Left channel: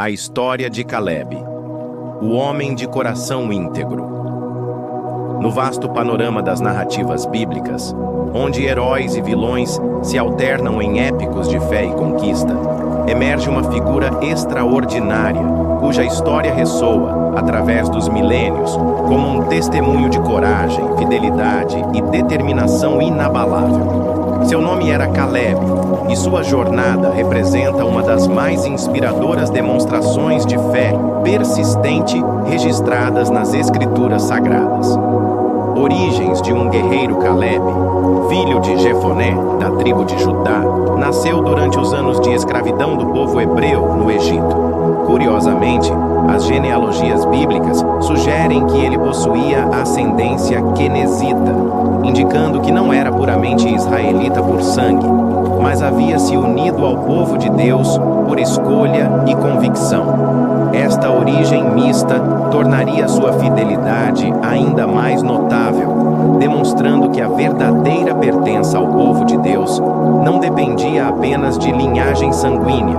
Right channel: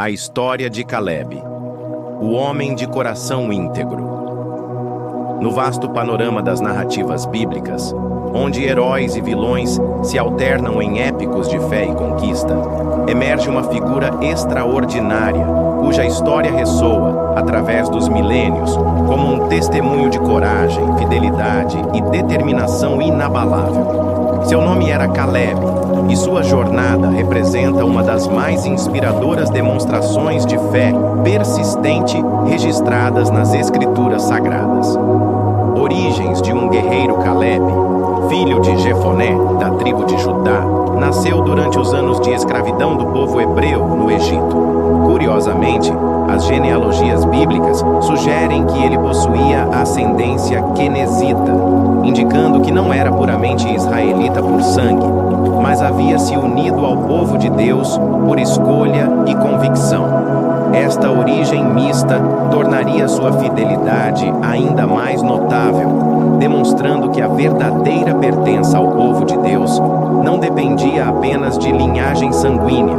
A história de Caleb, o homem de coração íntegro. No vasto panorama das narrativas bíblicas, onde heróis e vilões se alternam em épicos de fé e conquista, emerge uma figura extraordinária, cuja história ressoa, através dos milênios, como um testemunho de coragem, fidelidade e determinação inabalável. Seu nome era Caleb, e sua jornada representa uma das mais inspiradoras demonstrações de fé persistente registradas nas Escrituras Sagradas. Origens de um guerreiro Caleb, filho de Jefoné, da tribo de Judá, nasceu durante os anos de escravidão do povo hebreu no Egito. Curiosamente, as genealogias bíblicas sugerem que ele possuía ascendência quenezita, indicando que não era puramente israelita por sangue, mas havia se unido ao povo de Deus por escolha e convicção. Esta origem mista tornaria sua fidelidade ainda mais notável, demonstrando que a verdadeira pertença ao povo de Deus não dependia apenas de linhagem sanguínea,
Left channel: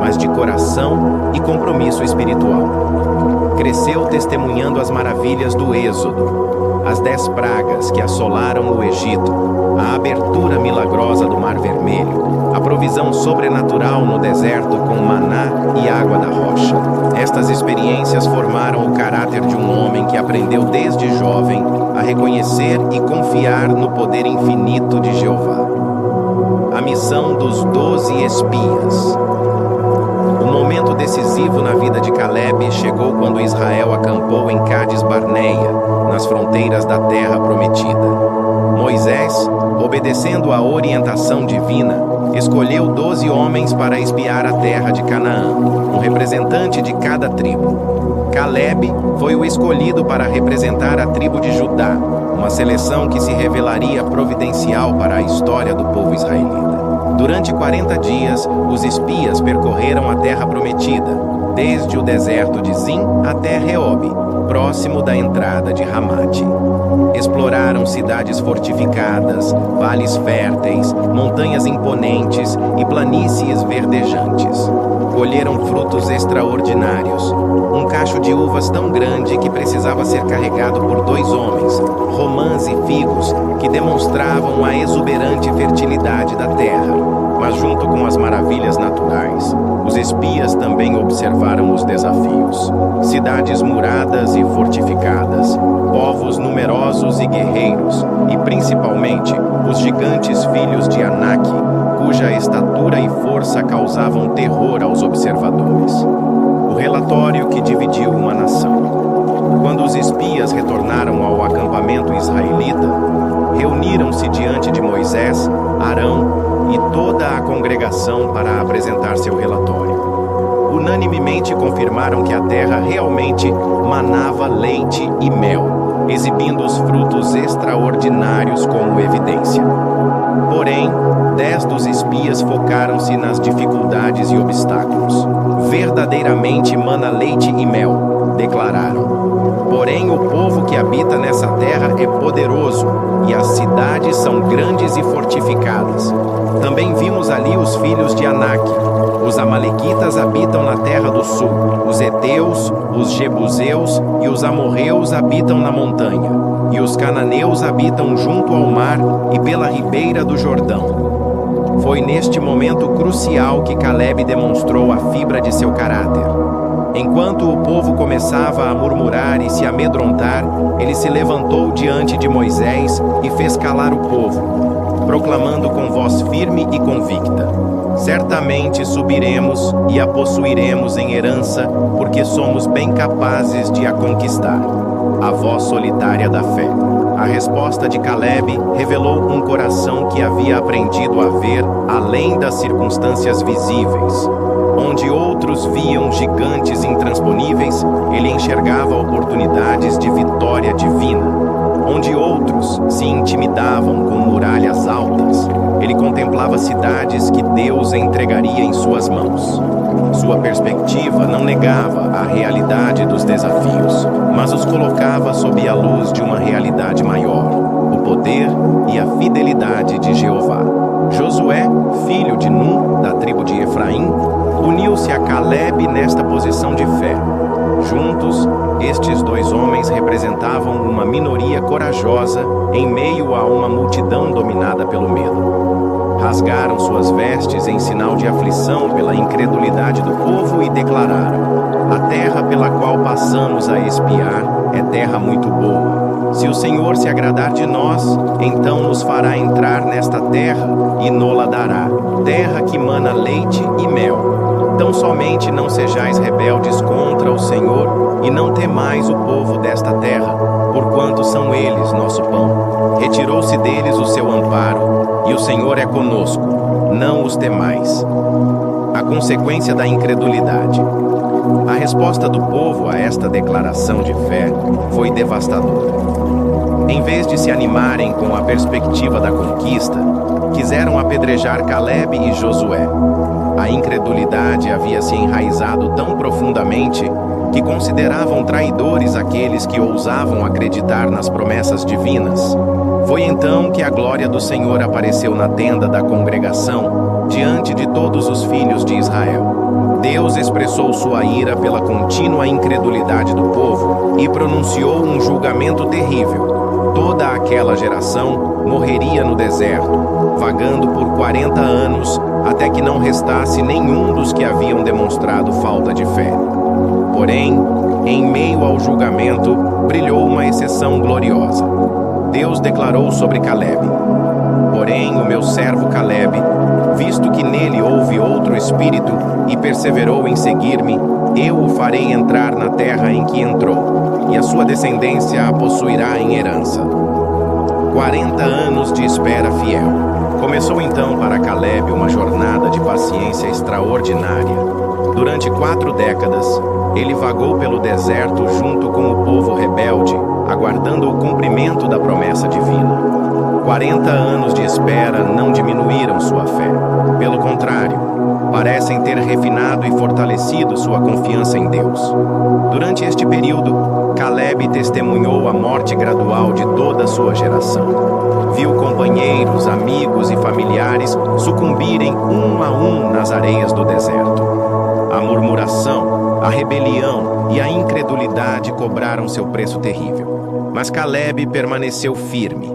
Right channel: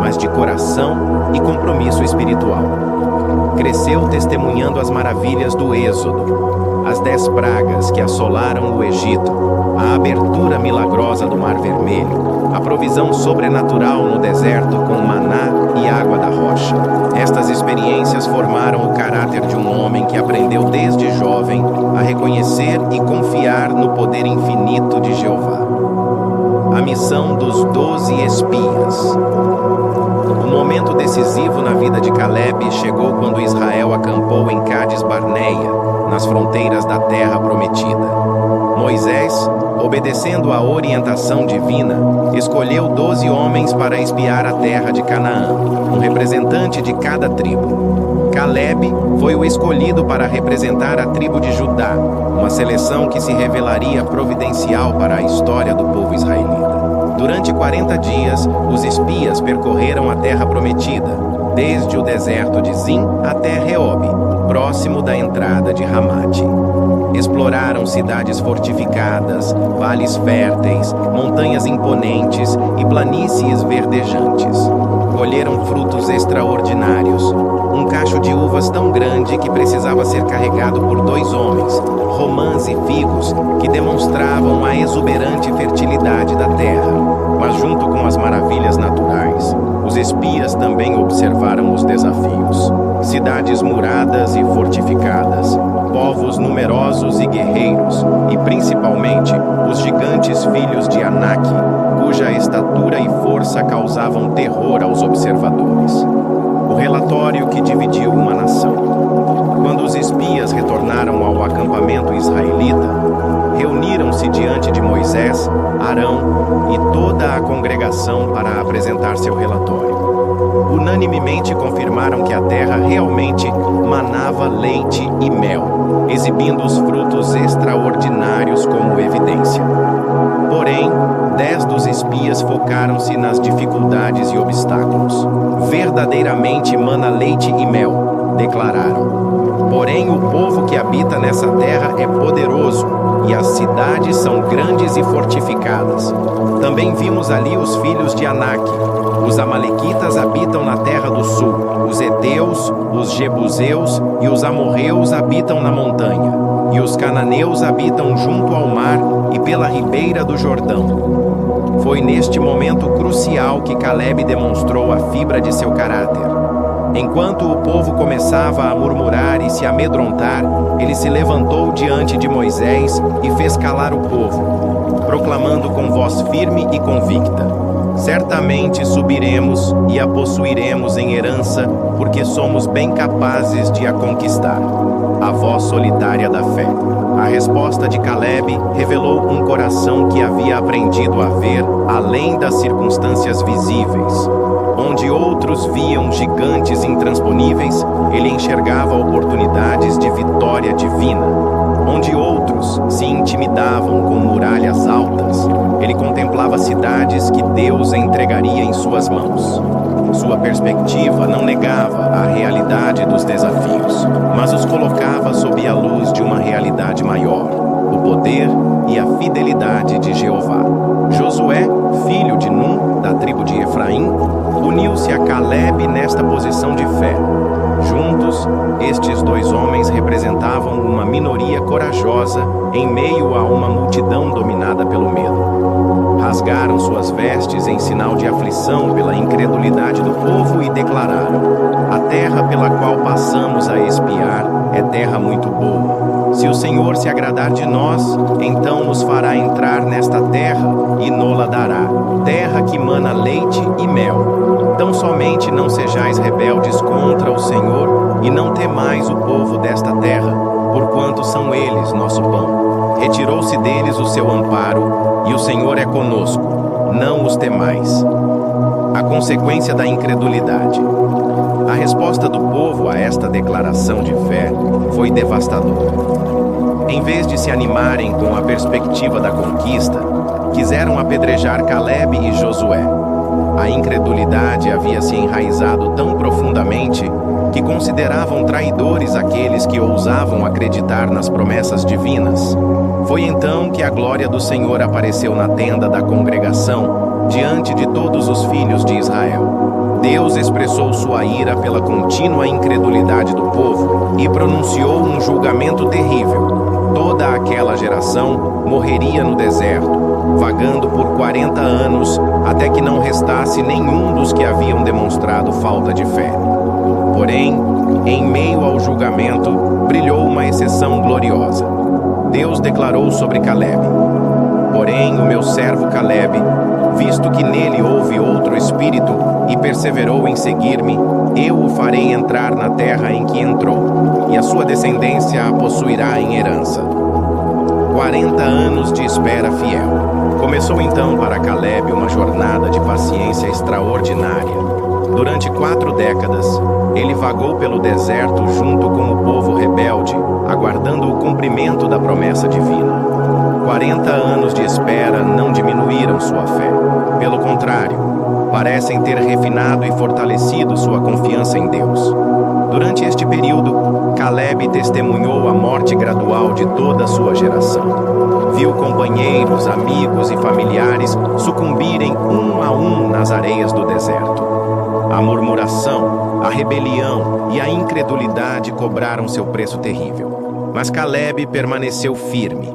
mas de coração e compromisso espiritual. Cresceu testemunhando as maravilhas do Êxodo, as 10 pragas que assolaram o Egito, a abertura milagrosa do Mar Vermelho, a provisão sobrenatural no deserto com maná e água da rocha. Estas experiências formaram o caráter de um homem que aprendeu desde jovem a reconhecer e confiar no poder infinito de Jeová. A missão dos 12 espias. O momento decisivo na vida de Caleb chegou quando Israel acampou em Cádiz Barneia, nas fronteiras da terra prometida. Moisés, obedecendo à orientação divina, escolheu 12 homens para espiar a terra de Canaã, um representante de cada tribo. Caleb foi o escolhido para representar a tribo de Judá, uma seleção que se revelaria providencial para a história do povo israelita. Durante 40 dias, os espias percorreram a terra prometida, desde o deserto de Zin até Reob, próximo da entrada de Ramate. Exploraram cidades fortificadas, vales férteis, montanhas imponentes e planícies verdejantes. Colheram frutos extraordinários, um cacho de uvas tão grande que precisava ser carregado por 2 homens, romãs e figos que demonstravam a exuberante fertilidade da terra. Mas junto com as maravilhas naturais, os espias também observaram os desafios. Cidades muradas e fortificadas, povos numerosos e guerreiros, e principalmente os gigantes filhos de Anak, cuja estatura e força causavam terror aos observadores. O relatório que dividiu uma nação. Quando os espias retornaram ao acampamento israelita, reuniram-se diante de Moisés, Arão e toda a congregação para apresentar seu relatório. Unanimemente confirmaram que a terra realmente manava leite e mel, exibindo os frutos extraordinários como evidência. Porém, 10 dos espias focaram-se nas dificuldades e obstáculos. Verdadeiramente mana leite e mel, declararam. Porém, o povo que habita nessa terra é poderoso, e as cidades são grandes e fortificadas. Também vimos ali os filhos de Anak. Os amalequitas habitam na terra do sul. Os heteus, os jebuseus e os amorreus habitam na montanha. E os cananeus habitam junto ao mar e pela ribeira do Jordão. Foi neste momento crucial que Caleb demonstrou a fibra de seu caráter. Enquanto o povo começava a murmurar e se amedrontar, ele se levantou diante de Moisés e fez calar o povo, proclamando com voz firme e convicta: certamente subiremos e a possuiremos em herança, porque somos bem capazes de a conquistar. A voz solitária da fé. A resposta de Caleb revelou um coração que havia aprendido a ver além das circunstâncias visíveis. Onde outros viam gigantes intransponíveis, ele enxergava oportunidades de vitória divina. Onde outros se intimidavam com muralhas altas, ele contemplava cidades que Deus entregaria em suas mãos. Sua perspectiva não negava a realidade dos desafios, mas os colocava sob a luz de uma realidade maior, o poder e a fidelidade de Jeová. Josué, filho de Num, da tribo de Efraim, uniu-se a Calebe nesta posição de fé. Juntos, estes dois homens representavam uma minoria corajosa em meio a uma multidão dominada pelo medo. Rasgaram suas vestes em sinal de aflição pela incredulidade do povo e declararam: a terra pela qual passamos a espiar é terra muito boa. Se o Senhor se agradar de nós, então nos fará entrar nesta terra e nola dará, terra que mana leite e mel. Tão somente não sejais rebeldes contra o Senhor e não temais o povo desta terra, porquanto são eles nosso pão. Retirou-se deles o seu amparo, e o Senhor é conosco, não os temais. A consequência da incredulidade. A resposta do povo a esta declaração de fé foi devastadora. Em vez de se animarem com a perspectiva da conquista, quiseram apedrejar Calebe e Josué. A incredulidade havia se enraizado tão profundamente que consideravam traidores aqueles que ousavam acreditar nas promessas divinas. Foi então que a glória do Senhor apareceu na tenda da congregação, diante de todos os filhos de Israel. Deus expressou sua ira pela contínua incredulidade do povo e pronunciou um julgamento terrível. Toda aquela geração morreria no deserto, vagando por 40 anos, até que não restasse nenhum dos que haviam demonstrado falta de fé. Porém, em meio ao julgamento, brilhou uma exceção gloriosa. Deus declarou sobre Calebe: porém, o meu servo Calebe, visto que nele houve outro espírito e perseverou em seguir-me, eu o farei entrar na terra em que entrou, e a sua descendência a possuirá em herança. 40 anos de espera fiel. Começou então para Calebe uma jornada de paciência extraordinária. Durante 4 décadas, ele vagou pelo deserto junto com o povo rebelde, aguardando o cumprimento da promessa divina. 40 anos de espera não diminuíram sua fé. Pelo contrário, parecem ter refinado e fortalecido sua confiança em Deus. Durante este período, Calebe testemunhou a morte gradual de toda a sua geração. Viu companheiros, amigos e familiares sucumbirem um a um nas areias do deserto. A murmuração, a rebelião e a incredulidade cobraram seu preço terrível. Mas Calebe permaneceu firme,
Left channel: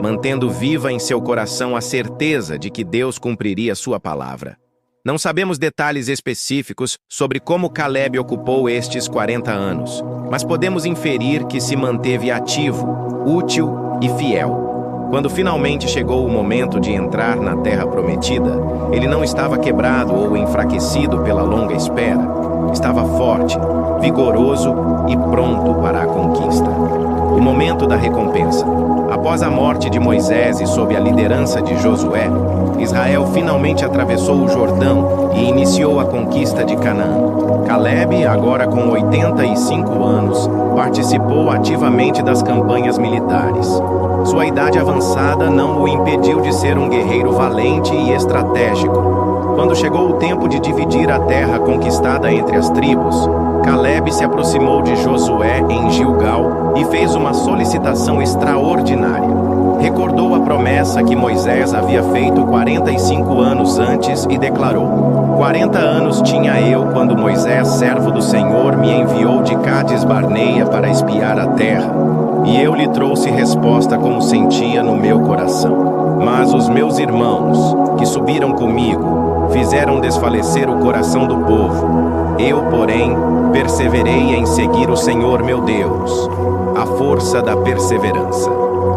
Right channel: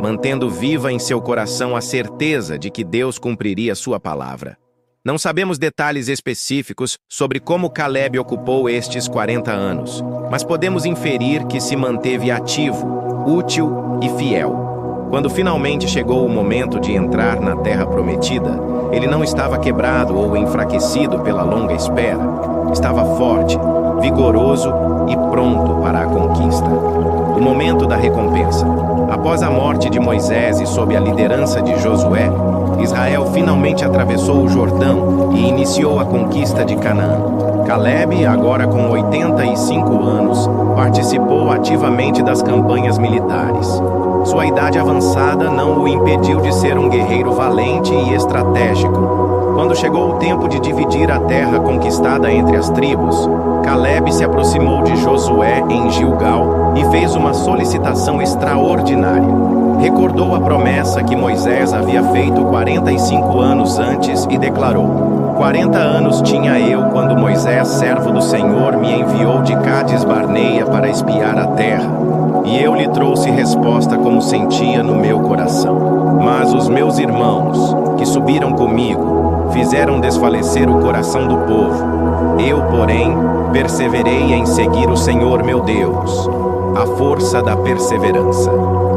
mantendo viva em seu coração a certeza de que Deus cumpriria sua palavra. Não sabemos detalhes específicos sobre como Calebe ocupou estes 40 anos, mas podemos inferir que se manteve ativo, útil e fiel. Quando finalmente chegou o momento de entrar na terra prometida, ele não estava quebrado ou enfraquecido pela longa espera. Estava forte, vigoroso e pronto para a conquista. O momento da recompensa. Após a morte de Moisés e sob a liderança de Josué, Israel finalmente atravessou o Jordão e iniciou a conquista de Canaã. Calebe, agora com 85 anos, participou ativamente das campanhas militares. Sua idade avançada não o impediu de ser um guerreiro valente e estratégico. Quando chegou o tempo de dividir a terra conquistada entre as tribos, Calebe se aproximou de Josué em Gilgal e fez uma solicitação extraordinária. Recordou a promessa que Moisés havia feito 45 anos antes e declarou: 40 anos tinha eu quando Moisés, servo do Senhor, me enviou de Cádiz Barneia para espiar a terra, e eu lhe trouxe resposta como sentia no meu coração. Mas os meus irmãos, que subiram comigo, fizeram desfalecer o coração do povo. Eu, porém, perseverei em seguir o Senhor meu Deus. A força da perseverança.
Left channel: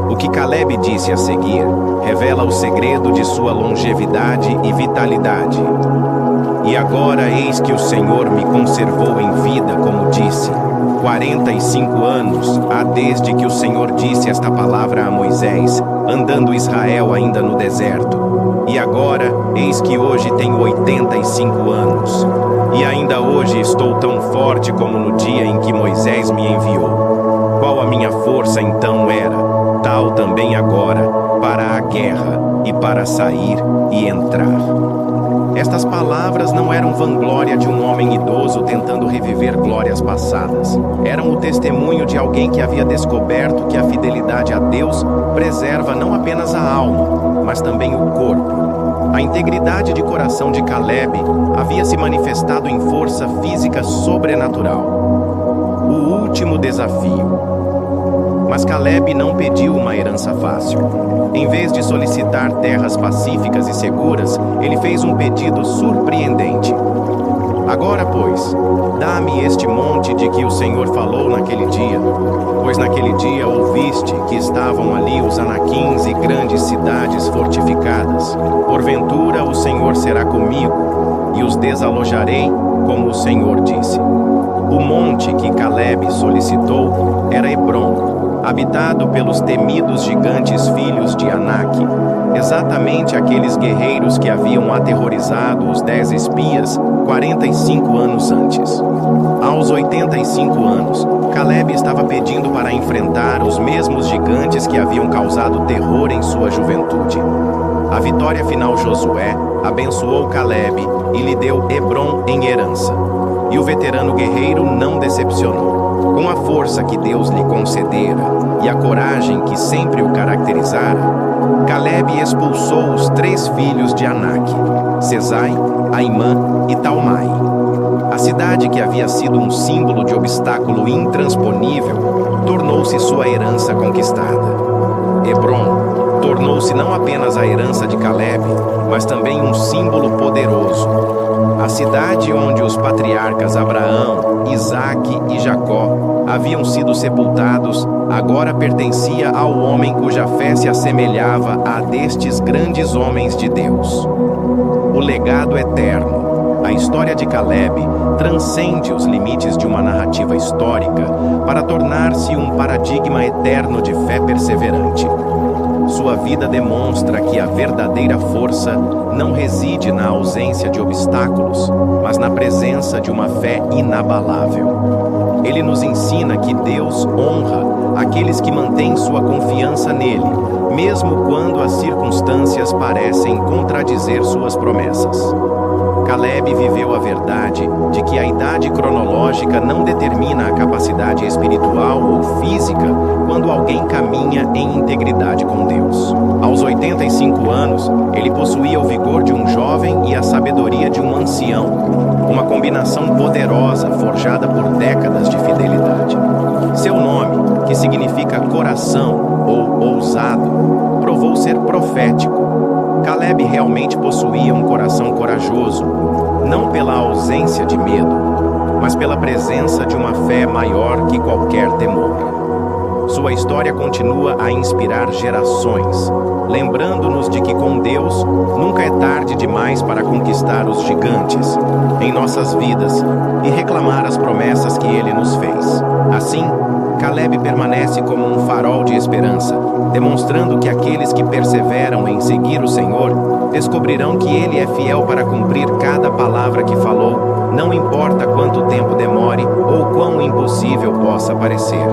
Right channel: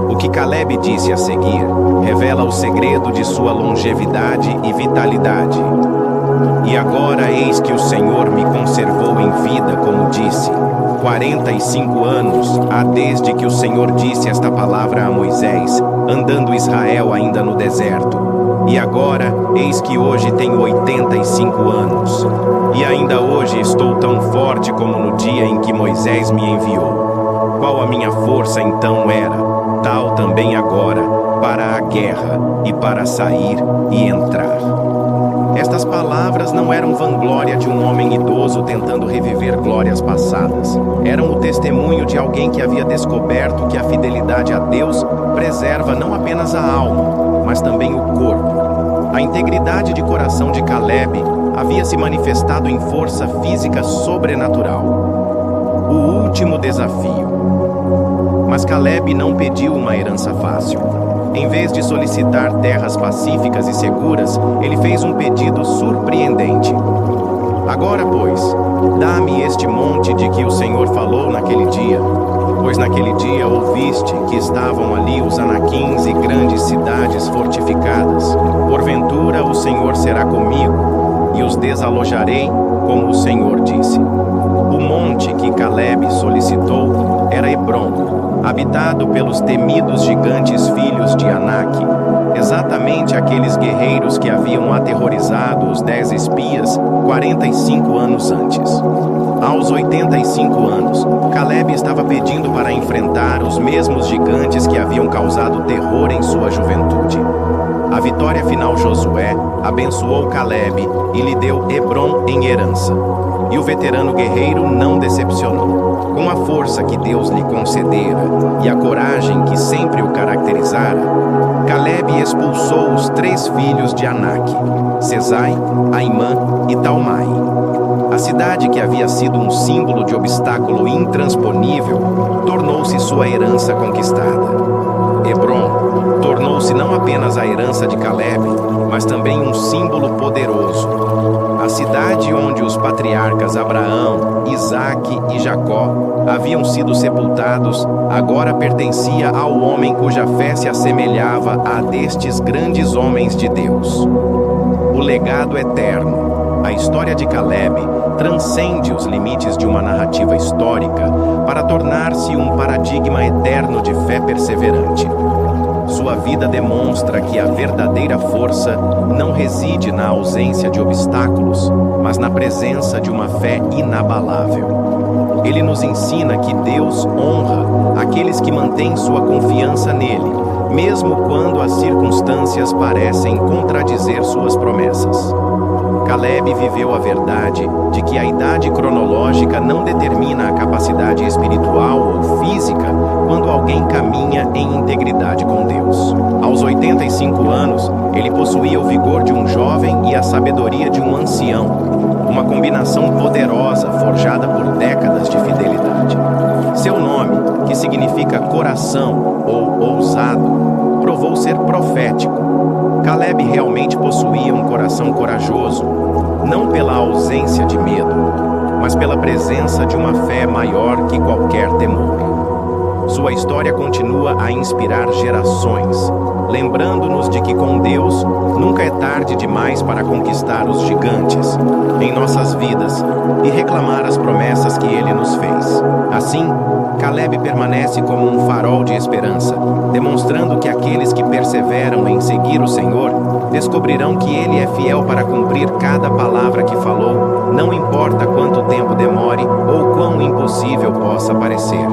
O que Calebe disse a seguir revela o segredo de sua longevidade e vitalidade. E agora eis que o Senhor me conservou em vida, como disse. 45 anos há desde que o Senhor disse esta palavra a Moisés, andando Israel ainda no deserto. E agora, eis que hoje tenho 85 anos. E ainda hoje estou tão forte como no dia em que Moisés me enviou. Qual a minha força então era, tal também agora, para a guerra e para sair e entrar. Estas palavras não eram vanglória de um homem idoso tentando reviver glórias passadas. Eram o testemunho de alguém que havia descoberto que a fidelidade a Deus preserva não apenas a alma, mas também o corpo. A integridade de coração de Caleb havia se manifestado em força física sobrenatural. O último desafio. Mas Caleb não pediu uma herança fácil. Em vez de solicitar terras pacíficas e seguras, ele fez um pedido surpreendente. Agora, pois, dá-me este monte de que o Senhor falou naquele dia, pois naquele dia ouviste que estavam ali os anaquins e grandes cidades fortificadas. Porventura o Senhor será comigo, e os desalojarei, como o Senhor disse. O monte que Caleb solicitou era Hebrom, habitado pelos temidos gigantes filhos de Anak, exatamente aqueles guerreiros que haviam aterrorizado os 10 espias 45 anos antes. Aos 85 anos, Caleb estava pedindo para enfrentar os mesmos gigantes que haviam causado terror em sua juventude. A vitória final Josué abençoou Caleb e lhe deu Hebrom em herança. E o veterano guerreiro não decepcionou. Com a força que Deus lhe concedera e a coragem que sempre o caracterizara, Caleb expulsou os 3 filhos de Anak, Sesai, Aimã e Talmai. A cidade que havia sido um símbolo de obstáculo intransponível tornou-se sua herança conquistada. Hebrom tornou-se não apenas a herança de Caleb, mas também um símbolo poderoso. A cidade onde os patriarcas Abraão, Isaque e Jacó haviam sido sepultados agora pertencia ao homem cuja fé se assemelhava à destes grandes homens de Deus. O legado eterno. A história de Caleb transcende os limites de uma narrativa histórica para tornar-se um paradigma eterno de fé perseverante. Sua vida demonstra que a verdadeira força não reside na ausência de obstáculos, mas na presença de uma fé inabalável. Ele nos ensina que Deus honra aqueles que mantêm sua confiança nele, mesmo quando as circunstâncias parecem contradizer suas promessas. Caleb viveu a verdade de que a idade cronológica não determina a capacidade espiritual ou física quando alguém caminha em integridade com Deus. Aos 85 anos, ele possuía o vigor de um jovem e a sabedoria de um ancião, uma combinação poderosa forjada por décadas de fidelidade. Seu nome, que significa coração ou ousado, provou ser profético. Caleb realmente possuía um coração corajoso, não pela ausência de medo, mas pela presença de uma fé maior que qualquer temor. Sua história continua a inspirar gerações, lembrando-nos de que com Deus nunca é tarde demais para conquistar os gigantes em nossas vidas e reclamar as promessas que Ele nos fez. Assim, Caleb permanece como um farol de esperança, demonstrando que aqueles que perseveram em seguir o Senhor descobrirão que Ele é fiel para cumprir cada palavra que falou, não importa quanto tempo demore ou quão impossível possa parecer.